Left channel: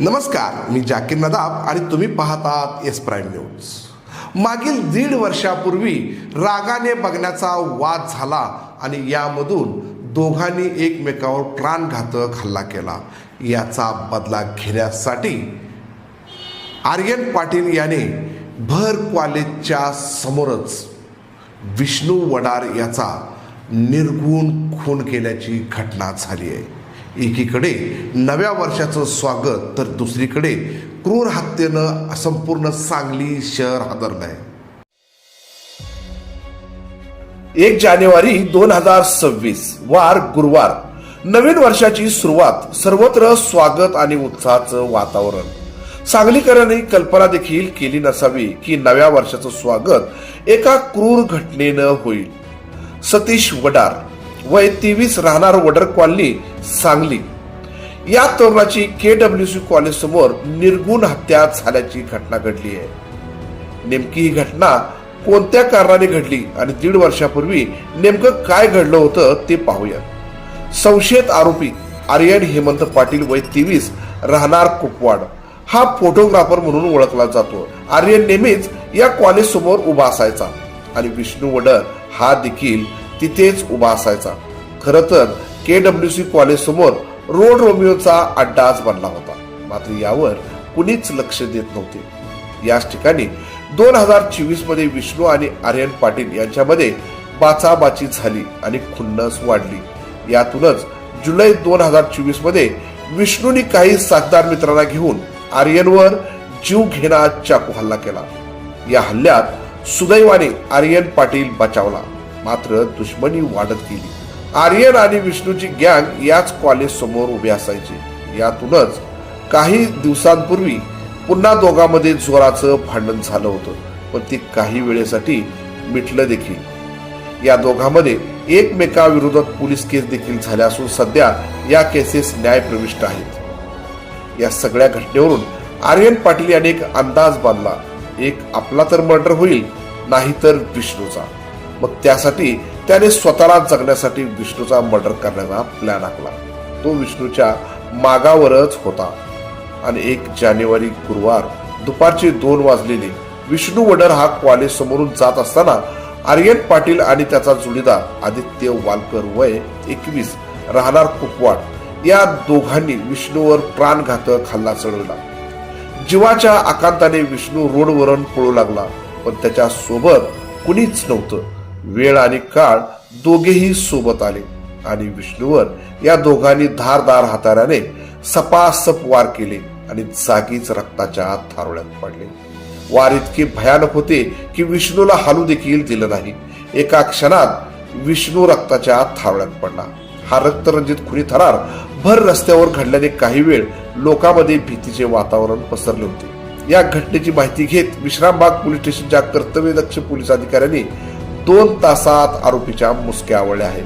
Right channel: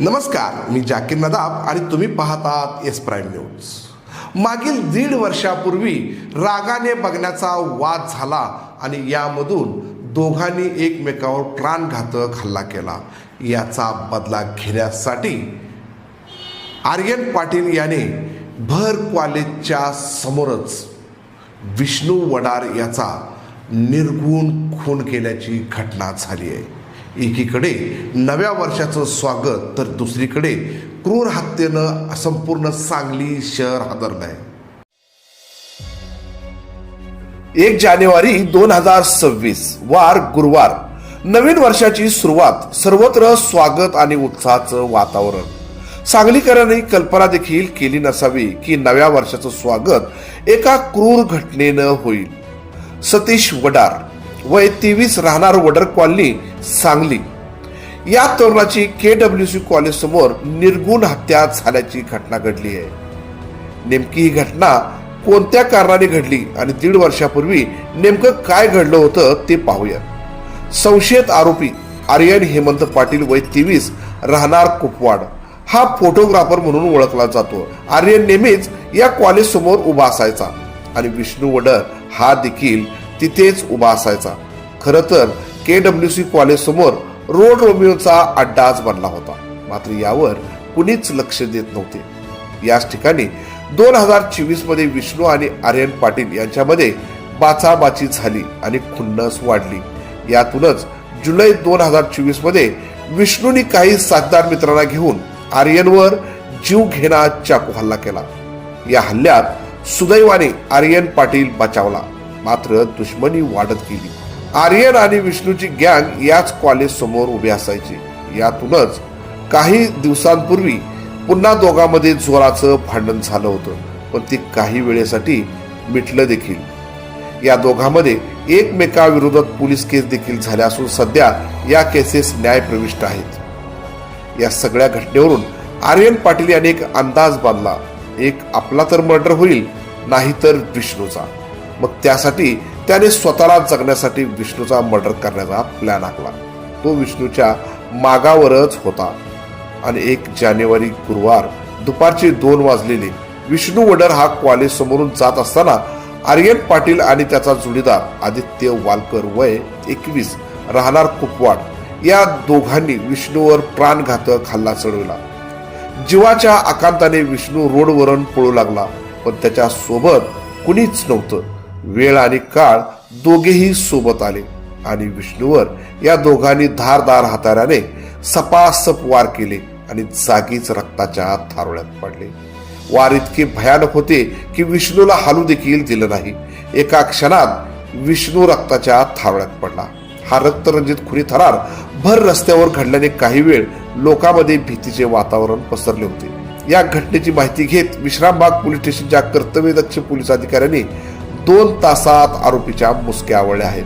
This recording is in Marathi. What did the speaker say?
नमस्कार, मी जाकीर नदाब आणि तुम्ही पाहतात एस प्राईम न्यूज. मागील 1.5 वर्षापूर्वी रागाने बघण्याचा वाद झाला आणि यामधून दोघांनी एकमेकावर प्राणघातक हल्ला केला. याचा बदला घेण्यासाठी आर्यन पाटील याने भर कॉलेजच्या समोरच विष्णू वडार याचा निर्घृण खून केल्याची घटना झाली आहे. एकीकडे नव्या वर्षाचं स्वागत तर दुसरीकडे क्रूर हत्येनं संपूर्ण सांगली शहर हादरलं आहे. 1 जानेवारी 2026 वार गुरुवार, नवीन वर्षाची सुरुवात, सर्वत्र स्वागत आणि उत्साहाचं वातावरण. सांगलीकरांनी कल्पना देखील केली नसावी की नव्या वर्षाचं स्वागत एका क्रूर घटनेनं होईल. सतीश वडार, वय 23, राहणार वडर कॉलनी, सांगली, या तरुणाची KWC कॉलेज समोर निर्घृण हत्या झाल्याची घटना घडली आहे. नेमकी ही घटना कोणत्या कारणाने घडली आणि 1.5 वर्षापूर्वी नेमकं काय घडलं होतं ते पाहूया. संशयित आरोपी आर्यन हेमंत पाटील, वय 23, राहणार कुपवाड, हा फोटोग्राफर म्हणून ओळखला जातो. आर्यन नेहमीच या कॉलेज समोर उभा असायचा आणि विष्णू वडर हा देखील तिथेच उभा असायचा. खरं तर KWC कॉलेज समोर रोड रोमिओचा अड्डाच बनला होता. मात्र यावर कुणीच लक्ष देत नव्हते. याच ठिकाणी 2024 मध्ये विष्णू आणि आर्यन पाटील यांच्यामध्ये बाचाबाची झाली आणि खुन्नस वाढली. यातूनच जुलै 2024 मध्ये विष्णूने काही साथदार मित्रांना घेऊन आर्यनवर जीवघेणा चाकू हल्ला केला. या हल्ल्यात सुदैवाने आर्यन पाटील बचावला, मात्र दुश्मनी वाढत गेली. आर्यन आणि विष्णूची गँग याच कॉलेज समोर उभी असायची. यातूनच काही दिवसांपूर्वी पुन्हा दोघांमध्ये जोराचं भांडण झालं होतं, पण ते काही वेळेसाठी मिटलं देखील. या दोघांमध्ये एकमेकाविरोधात पोलीस केस देखील झाल्या असून सध्या या केसेस न्यायप्रविष्ट आहेत. या सगळ्या घटनेवरून आर्यन पाटील यांनी एक अंदाज बांधला, एक आपला तर मर्डर होईल, नाहीतर विष्णूचा. मग त्यासाठी त्याने स्वतःला जगण्यासाठी विष्णूचा मर्डर करण्याचा प्लॅन आखला. तो विष्णूच्या मागावरच होता. आणि 1 जानेवारी गुरुवार दुपारचे 2 वाजलेले विष्णू वडर हा कॉलेज समोरून जात असताना आर्यन पाटील आणि त्याचा जोडीदार आदित्य वालकर, वय 21, राहणार कुपवाड, या दोघांनी विष्णूवर प्राणघातक हल्ला चढवला. जीवाच्या आकांताने विष्णू रोडवरून पळू लागला, पण त्याच्या सोबत कुणीच नव्हतं. वेळ आणि काळ दोघेही सोबत आले आणि विष्णूवर या दोघांनी धारदार हाताऱ्याने सपासप वार केले आणि जागीच रक्ताच्या थारोळ्यात पडले. वार इतके भयानक होते की विष्णूला हालू देखील दिलं नाही. एका क्षणात विष्णू रक्ताच्या थारोळ्यात पडला. हा रक्तरंजित खुनी थरार भर रस्त्यावर घडल्याने काही वेळ लोकांमध्ये भीतीचे वातावरण पसरले होते. या घटनेची माहिती घेत विश्रामबाग पोलीस स्टेशनच्या कर्तव्यदक्ष पोलीस अधिकाऱ्यांनी 2 तासात आरोपीच्या मुसक्या आवळल्या आहेत.